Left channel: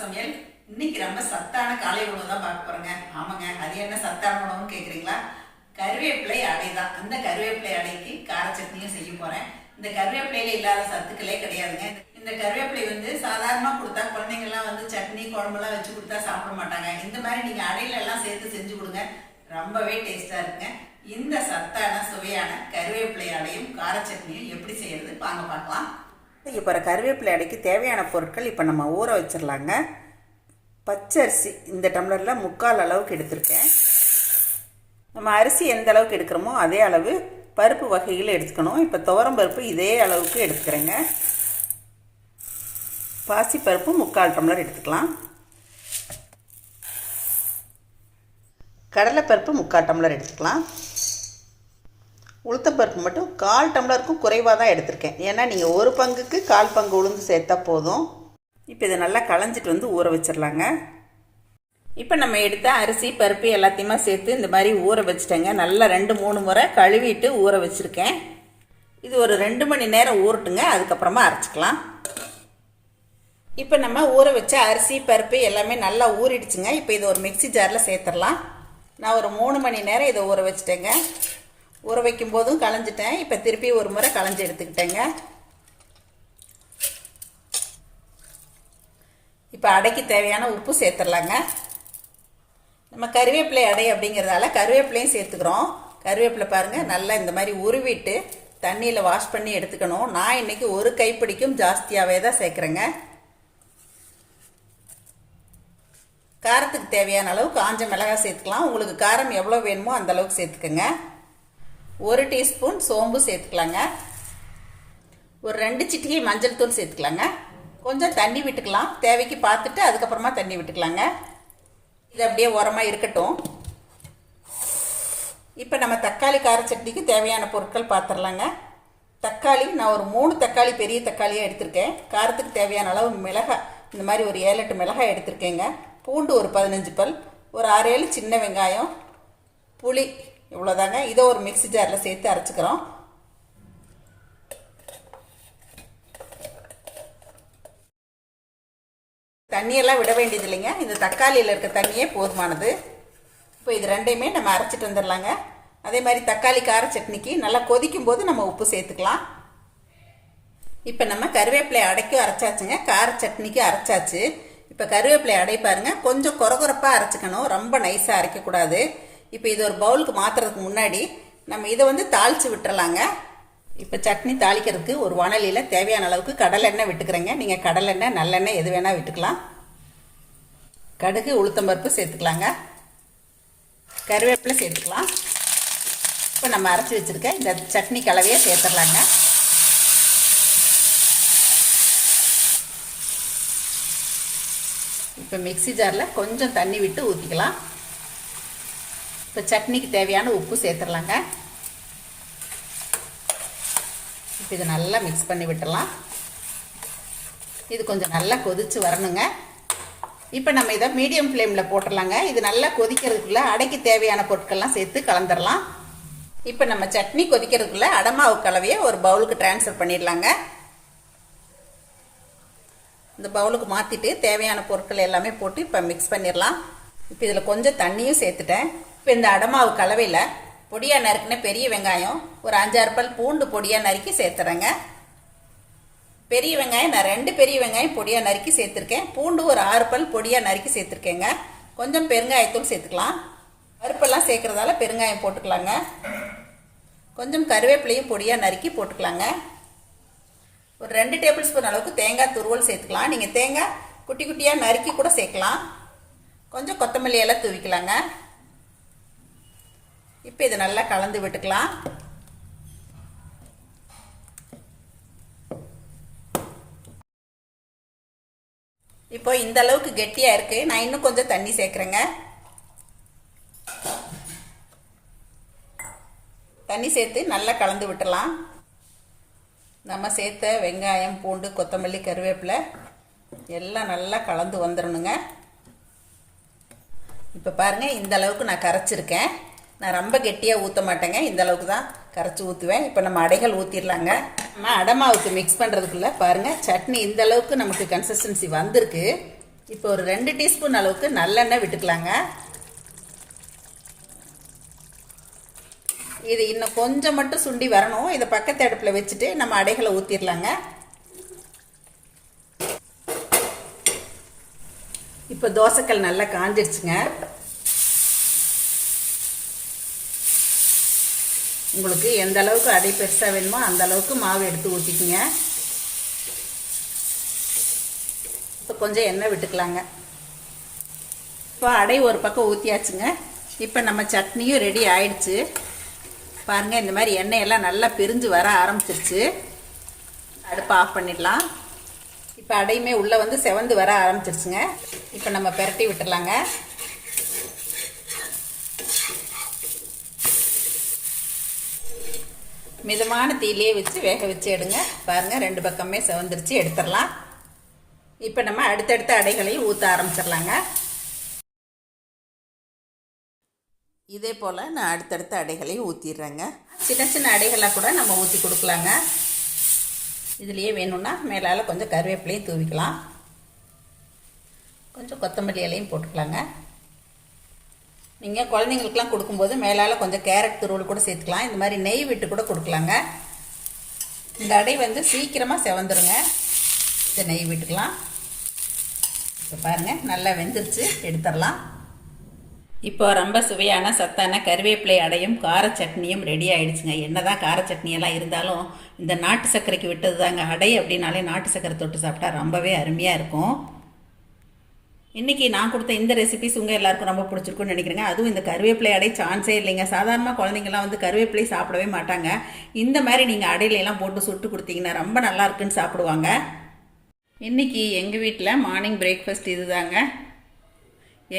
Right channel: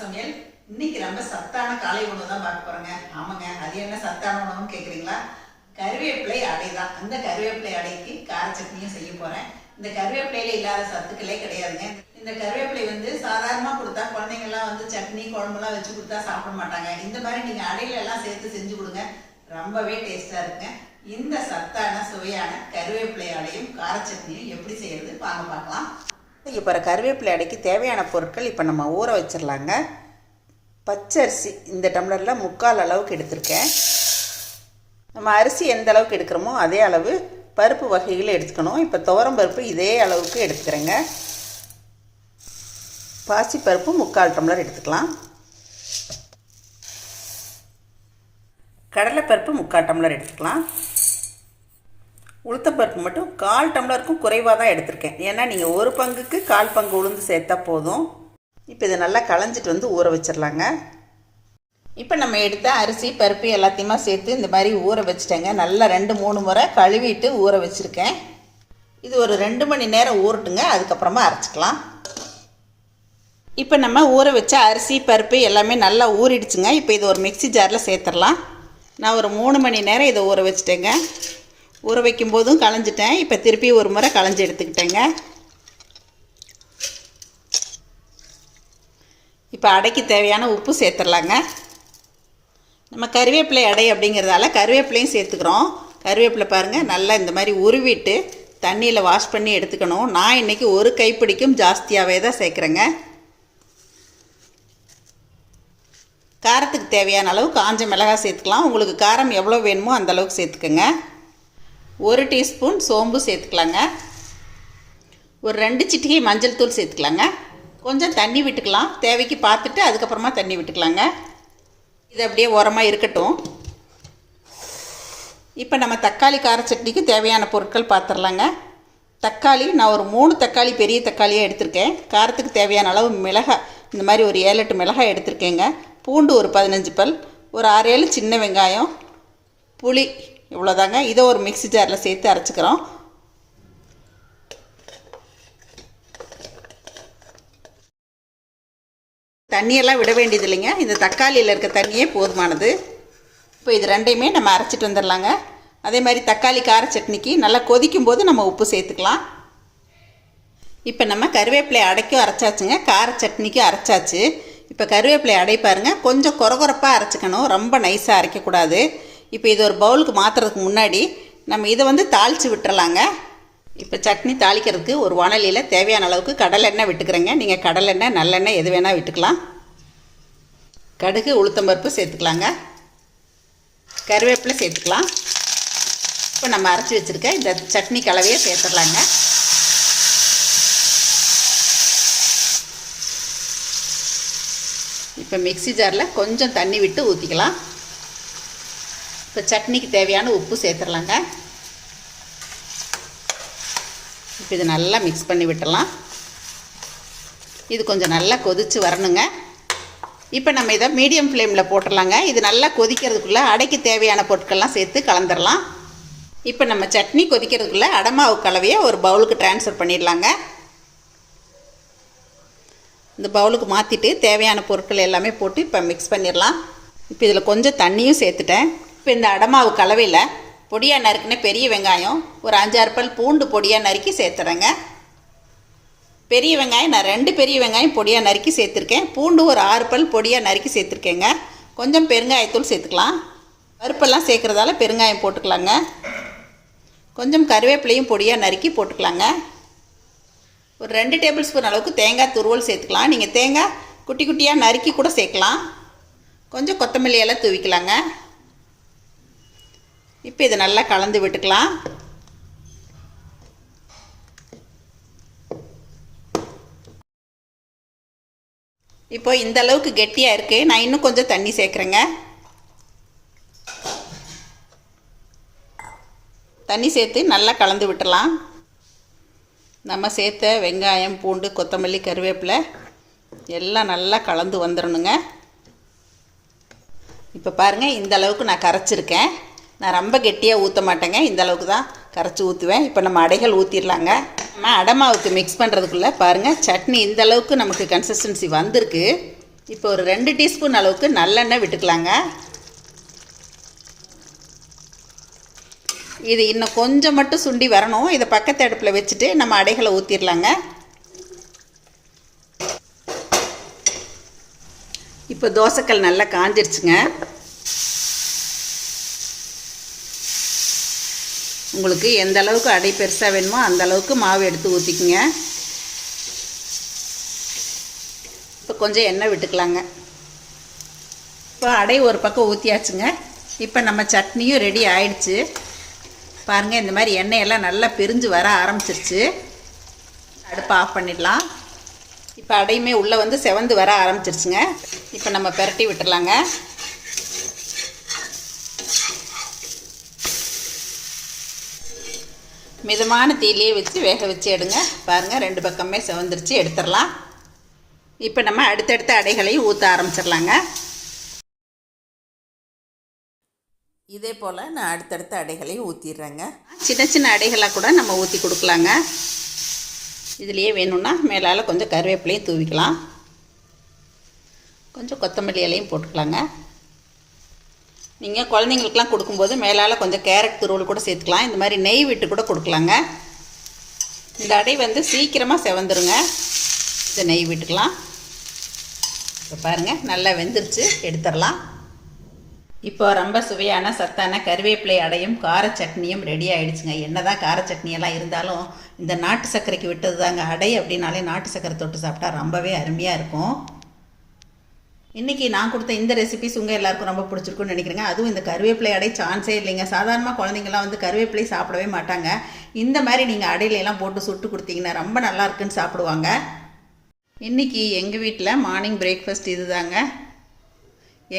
சமையல். இன்னைக்கு ரொம்ப சத்தான காலை உணவு தான் பார்க்க போறோங்க. ஆமாங்க. அது என்ன சத்தான உணவுன்னு கேக்குறீங்களா? கருவேப்பிலை அடை தான். அந்த கருவேப்பிலை அடைக்கு கார சட்னியும் செய்ய போறேன். இந்த கருவேப்பிலையில இல்லாத சத்துக்களே கிடையாதுங்க. இந்த கருவேப்பிலை வந்து சாதாரணமா கொடுத்தா குழந்தைங்க எல்லாம் வந்து சட்னி குழம்புலாம் வச்சு கொடுத்தா சாப்பிட மாட்டாங்க. இந்த மாதிரி நீங்க அடையில எல்லாம் சேர்த்து செஞ்சு கொடுங்க. ரொம்பவே டேஸ்டா இருக்குங்க. இந்த சத்தான சுவையான கருவேப்பிலை அடையும் கார சட்னியும் எப்படி செய்யறது? வாங்க பார்க்கலாம். இப்போ கருவேப்பிலை அடைக்கு தேவையான பொருட்கள் இப்போ நம்ம ஊற வச்சிடலாங்க பச்சரிசி இந்த டம்ளரில் முக்கால் அளவுக்கு எடுத்திருக்கேன். நம்ம அரிசி எந்த அளவுக்கு எடுக்கிறோமோ அதே அளவு பருப்பு வகைகள் எடுத்துக்கணும். இப்போ துவரம் பருப்பு இதே அளவுக்கு எடுத்துக்கிறேங்க. பாசிப்பருப்பு முக்கால் டம்ளர் எடுத்துக்கலாம். கடலைப்பருப்பு முக்கால் டம்ளர் எடுத்துக்கலாம். உளுத்தப்பருப்பு மட்டும் கால் டம்ளருக்கும் குறைவாக தான் எடுத்திருக்கேன். ஏன்னா நீங்கள் ஒரு பங்குக்கு கால் பங்கு உளுந்து சேர்த்தா போதும். இப்போ இதை நல்லா களைஞ்சிட்டு வந்து ஊற வச்சிடலாங்க. இப்போ நம்ம எடுத்த அரிசி பருப்பு எல்லாத்தையுமே சேர்த்து இந்த மாதிரி ஊற வச்சுட்டேங்க. நல்லா ரெண்டு மூணு முறை கழுவிட்டு ஊற வச்சுருக்கேன். இது ஒரு ரெண்டு மணி நேரம் ஊறட்டுங்க. அதுக்கப்புறமா அரைச்சிக்கலாம். இப்போ நம்ம ஊற வச்ச அரிசி பருப்பு எல்லாமே நல்லா ஊறிடுச்சுங்க. இப்போ இது ஒரு மிக்ஸி ஜாரில் சேர்த்துடலாம். நான் ஒரு மூணு மணி நேரம் இதை ஊற வச்சுட்டேங்க. ஊற வைக்கும் போதும் களைஞ்சிட்டேன். இப்போ திருப்பி ஒரு முறை களைஞ்சி எடுத்துக்கிட்டேங்க. இப்போ அடைக்கு தேவையான உப்பு சேர்த்துடலாங்க. நம்ம கருவேப்பிலை அடை அப்படிங்கிறதால கருவேப்பிலையும் சேர்த்துக்கிறோம். கருவேப்பிலை பாருங்கள் நல்லா இந்த மாதிரி உருவிட்டு தண்ணியில் வாஷ் பண்ணி எடுத்துக்கணும். நான் இன்றைக்கி ஒரு கைப்பிடிக்கும் ஜாஸ்தியாகவே தான் சேர்க்குறேங்க. காரத்துக்கு தேவையான அளவு காஞ்ச மிளகாய் சேர்த்துக்கலாம். உங்களுக்கு காரம் எவ்வளோ வேணுமோ அந்த அளவுக்கு சேர்த்துக்கோங்க. ஒரு டீஸ்பூன் சோம்பு சேர்த்துக்கலாங்க. ஒரு ரெண்டு சிட்டிகை மஞ்சள் தூள் சேர்த்துக்கலாங்க. கொஞ்சம் தண்ணி விட்டுக்கலாம். தேவைக்கு பார்த்துட்டு அதுக்கப்புறமா தண்ணி விட்டுக்கலாங்க. இது அப்படியே உரமாக இருக்கட்டும். இப்போ நம்ம தக்காளி கார சட்னிக்கு தேவையான பொருட்கள் பார்த்துடலாங்க தக்காளி நான் ஒரு மூணு தக்காளி பெரிய தக்காளியாக எடுத்திருக்கேன். காரத்துக்கு தேவையான அளவு மிளகாய் இந்த மாதிரி ஒரு ஏழு எட்டு மிளகாய் எடுத்திருக்கேங்க. பூண்டு ஒரு பதினஞ்சு பல் ஒரு ஆறு ஏழு சின்ன வெங்காயம் புளி இவ்வளோதாங்க இதை ஒரு மிக்ஸி ஜாரில் சேர்த்து அரைச்சிக்கிறோம். தண்ணியெல்லாம் விட வேண்டியது இல்லைங்க. இந்த தக்காளியில் இருக்க தண்ணியே போதுமானது. இப்போ இது ரெண்டையுமே நம்ம அரைச்சிட்டு வந்துடலாங்க. அதே மாதிரி தக்காளி கார சட்னிக்கு நல்லா கொதிக்கும் போது நம்ம உப்பு சேர்த்துக்கலாம். இப்போ நம்ம கருவேப்பிலை அடைக்கும் அரைச்சாச்சுங்க. கார சட்னிக்கும் அரைச்சாச்சு. இப்போ கருவேப்பிலை அடை பாருங்கள் கொஞ்சம் குறகுறப்பாக அரைச்சிக்கணும். ரொம்ப நைஸாக அரைக்கக்கூடாது. இப்போ இது ஒரு பவுலுக்கு மாற்றுறதுக்கு முன்னாடி நம்ம இதை வந்து தாளித்து விட்டுறலாங்க. இப்போ சட்னி தாளிக்கிறதுக்கு ஒரு வானலியில் தேவையான அளவுக்கு கடலெண்ணெய் விட்டுக்கிறேங்க. நீங்கள் கடலெண்ணெய் நல்லெண்ணெய் எது வேணால் விட்டுக்கலாம். கடுகு உளுத்தம்பருப்பு சேர்த்துக்கலாங்க. கருவேப்பிலை சேர்த்துக்கலாம். இப்போ நம்ம அரைச்சி வச்சுருக்க இந்த சட்னி கலவையை சேர்த்துடலாங்க. இப்போ மிக்ஸி ஜாரில் கொஞ்சம் தண்ணி விட்டு ஊற்றிக்கலாம் இப்போ சட்னிக்கு தேவையான உப்பு சேர்த்துடலாங்க. இப்போ இது நல்லா மிக்ஸ் பண்ணி விட்டுடலாம். இது கொஞ்சம் நல்லா கொதித்து வரணுங்க. இப்போ நம்ம இதை மீடியம் ஃப்ளேமில் போட்டுடலாங்க. இது நல்லா கொதிக்கிறதுக்குள்ளே அடைக்கு தேவையான பொருட்கள்லாம் சேர்த்து கலந்துடலாம். இப்போ நம்ம சட்னி கொதிக்கிறதுக்குள்ளே அடமாவு கலவையை ஒரு பவுலுக்கு ட்ரான்ஸ்ஃபர் பண்ணிடலாங்க. இந்த பவுலுக்கு மாற்றிட்டு தேவையான பொருட்கள் எல்லாமே போட்டு இப்போ மிக்ஸ் பண்ணிடலாம். இப்போ இதில் கொஞ்சம் தண்ணியும் சேர்த்துட்டேன். இப்போ இந்த அடமாவு கலவையில் பொடியாக நறுக்குன பெரிய வெங்காயம் ஒரு அஞ்சாறு பல் பூண்டு பொடியாக நறுக்கி சேர்த்துறேங்க. பெரிய வெங்காயம் நான் ரெண்டு பெரிய வெங்காயம் பொடியாக நறுக்கி சேர்த்துருக்கேன். பூண்டு ஒரு ஆறு பல் பொடியாக நறுக்கி சேர்த்துருக்கேங்க. கொஞ்சம் பெருங்காயத்தூள் சேர்த்துக்கலாம். பருப்பெல்லாம் சேர்க்குறதால பெருங்காயம் போட்டுக்கலாங்க. கொஞ்சம் கருவேப்பிலையும் பொடியாக நறுக்கி போட்டுக்கலாங்க. ஒரு ரெண்டு டேபிள் ஸ்பூன் அளவுக்கு தேங்காய் துருவல் சேர்த்துக்கலாம். நீங்கள் தேங்காய் குட்டி குட்டியாக நறுக்கி கூட சேர்க்கலாம். கொஞ்சம் கொத்தமல்லி எல்லாம் தூவிக்கலாங்க. இப்போ இதை நல்லா கலந்து விட்டுக்கலாம். இப்போ இந்த அளவுக்கு கெட்டியாக இருக்குது நான் இன்னும் கொஞ்சம் தண்ணி சேர்க்குறேங்க. தண்ணி சேர்த்து நல்லா கலந்து விட்டுலாம் நம்ம சேர்த்த வெங்காயம் பூண்டு கொத்தமல்லி கருவேப்பிலை எல்லாம் நல்லா கலந்து வந்துடணுங்க இப்போ பாருங்கள் இந்த அளவுக்கு நான் கரைச்சிருக்கேன். நான் ரொம்ப கெட்டியாக ஊற்ற மாட்டேங்க. இந்த அளவுக்கு தான் கரைச்சி ஊற்றுவேன் இப்போ நம்ம அடைகள் ஊற்றிடலாங்க நம்ம அடமாவுக்கு மிக்ஸ் பண்ணுறதுக்குள்ளே பாருங்கள் சட்னி இந்த அளவுக்கு நமக்கு கன்சிஸ்டன்சி வந்திருக்கு. இப்போ ஒரு ரெண்டு டீஸ்பூன் அளவுக்கு நல்லெண்ணெய் விட்டுக்கலாங்க. இது இன்னும் கொஞ்சம் மட்டும் சுண்டி வரணும். இதை பக்கத்து அடுப்பில் வச்சுட்டு நம்ம அடைகளை ஊற்றிடலாங்க இப்போ தோசைக்கல் நல்லா காஞ்சிருச்சுங்க. உங்களுக்கு எந்த அளவுக்கு அடை பெருசாக வேணுமோ அந்த அளவுக்கு மாவு எடுத்து ஊற்றிக்குங்க இப்போ கொஞ்சம் எண்ணெய் விட்டுக்கலாங்க. இப்போ அடை ஒரு பக்கம் ஊற்றியாச்சுங்க இப்போ நம்ம சட்னியும் ரெடி ஆயிடுச்சு. பாருங்கள் இந்த மாதிரி எண்ணெயெல்லாம் நல்லா பிரிஞ்சு வர ஆரம்பிச்சிருச்சு. அடுப்பை ஆஃப் பண்ணிடலாம். இப்போ அடையுமே உள்ளே வந்து செவந்து வர ஆரம்பிச்சிருச்சுங்க. இப்போ நம்ம பெரட்டி விட்டுடலாங்க. மிதமான தீயிலே வச்சு வேக வச்சு எடுங்க. பாருங்கள் ரெண்டு பக்கமே செவந்துருச்சு. எடுத்துடலாம். இப்போ நம்ம அடுத்தடுத்த அடைகளையும் ஊற்ற ஆரம்பிச்சிடலாங்க. இதே போல் நான் அடுத்தடுத்த அடைகளையும் ஊற்றிடுறேங்க சின்ன சின்ன அடைகளாக கூட நம்ம ஊற்றி கொடுக்கலாங்க. இதுலேயே வேணும்னா மேலால் கொஞ்சம் கருவேப்பிலையும் தூவிக்கலாம். கொஞ்சம் கொத்தமல்லி இலையும் போட்டுக்கலாங்க. நீங்கள் குழந்தைங்களுக்குலாம் கொடுக்கும்போது மேலால் கொஞ்சம் கேரட் துருவல் கூட சேர்த்துக்கலாம். இந்த மாதிரி நெய் விட்டு கூட கொடுக்கலாங்க. இந்த அடை வந்து சீக்கிரமாக செவந்துருங்க. இதை நெய் விட்டுக்கலாம். இப்போ பாருங்கள் நல்லா வெந்துருச்சு. எடுத்துடலாம். இப்போ ரொம்ப சுவையான சத்தான கருவேப்பிலை அடையும் கார சட்னியும் ரெடி ஆயிடுச்சுங்க. என்னதான் கார சட்னியெல்லாம் இருந்தாலும் இந்த நாட்டு சர்க்கரைக்கு விட்டது தாங்க அடை அப்படின்னாலே நாட்டு சர்க்கரை தொட்டு சாப்பிட்டா ரொம்பவே அருமையாக இருக்கும். இன்றைக்கி நான் கொடுத்த இந்த ரெசிபிஸ் உங்கள் எல்லாருக்கும் ரொம்ப பிடிச்சிருக்குன்னு நினைக்கிறேங்க. அதுவும் இந்த கருவேப்பிலை அடை சான்ஸே இல்லைங்க. சாதாரணமாக குழந்தைங்கலாம் வந்து கருவேப்பிலை சாப்பிடவே மாட்டாங்க. இந்த மாதிரி நீங்கள் அடையிலெல்லாம் போட்டு சுட்டு கொடுத்தீங்கன்னா ரொம்ப நல்லா இருக்குன்னு சாப்பிடுவாங்க. இன்றைக்கி எங்கள் வீட்டில் மார்னிங் பிரேக்ஃபாஸ்ட் இது தாங்க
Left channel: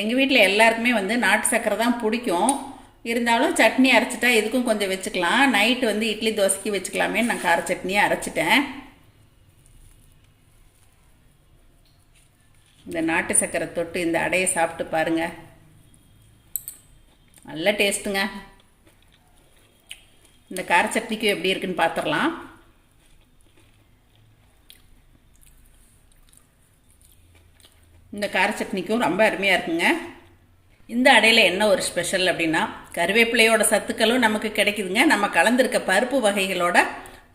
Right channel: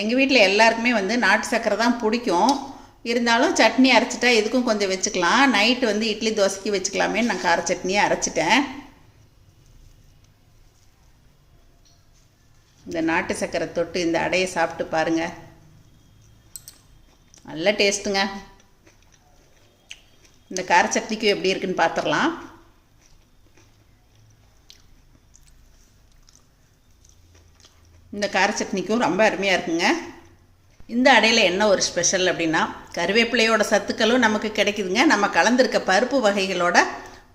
எங்கள் வீட்டில் எல்லாருக்குமே வந்து நாட்டு சக்கரை தான் பிடிக்கும். இருந்தாலும் சட்னி அரைச்சிட்டா இதுக்கும் கொஞ்சம் வச்சுக்கலாம். நைட்டு வந்து இட்லி தோசைக்கு வச்சுக்கலாமே நான் கார சட்னியை அரைச்சிட்டேன். இந்த நாட்டு சக்கரை தொட்டு இந்த அடையை சாப்பிட்டு பாருங்கள் நல்ல டேஸ்ட்டுங்க. இந்த கார சட்னிக்கும் எப்படி இருக்குன்னு பார்த்துடலாம் இந்த கார சட்னிக்கும் ரொம்ப அருமையாக இருக்குங்க. இந்த அடையில் என்ன ஒரு ஸ்பெஷல் அப்படின்னா கருவேப்பிலையோட சத்துக்களும் நமக்கு கிடைக்குதுங்க. நம்ம கலந்துருக்க பருப்பு வகைகளோட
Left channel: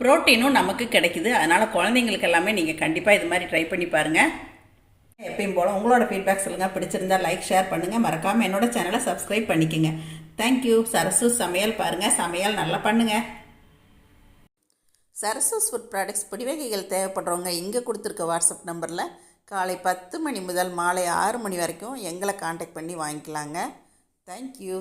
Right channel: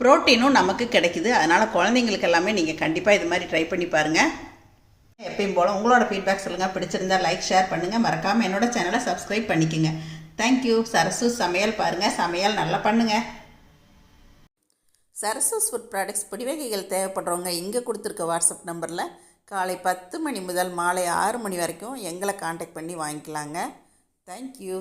ப்ரோட்டீனும் நமக்கு கிடைக்குது. அதனால் குழந்தைங்களுக்கு எல்லாமே நீங்கள் கண்டிப்பாக இது மாதிரி ட்ரை பண்ணி பாருங்கள் எப்பயும் போல் உங்களோட ஃபீட்பேக் சொல்லுங்கள் பிடிச்சிருந்தா லைக் ஷேர் பண்ணுங்கள் மறக்காமல் என்னோட சேனலை சப்ஸ்கிரைப் பண்ணிக்கோங்க. தேங்க்யூ சரசு சமையல் பாருங்கள் சமையல் நல்லா பண்ணுங்கள் சரசஸ் ஃபுட் ப்ராடக்ட்ஸ் பிடிவகைகள் தேவைப்படுறவங்க இங்கே கொடுத்துருக்க வாட்ஸ்அப் நம்பரில் காலை பத்து மணி முதல் மாலை ஆறு மணி வரைக்கும் எங்களை காண்டாக்ட் பண்ணி வாங்கிக்கலாங்க. தேங்க்யூ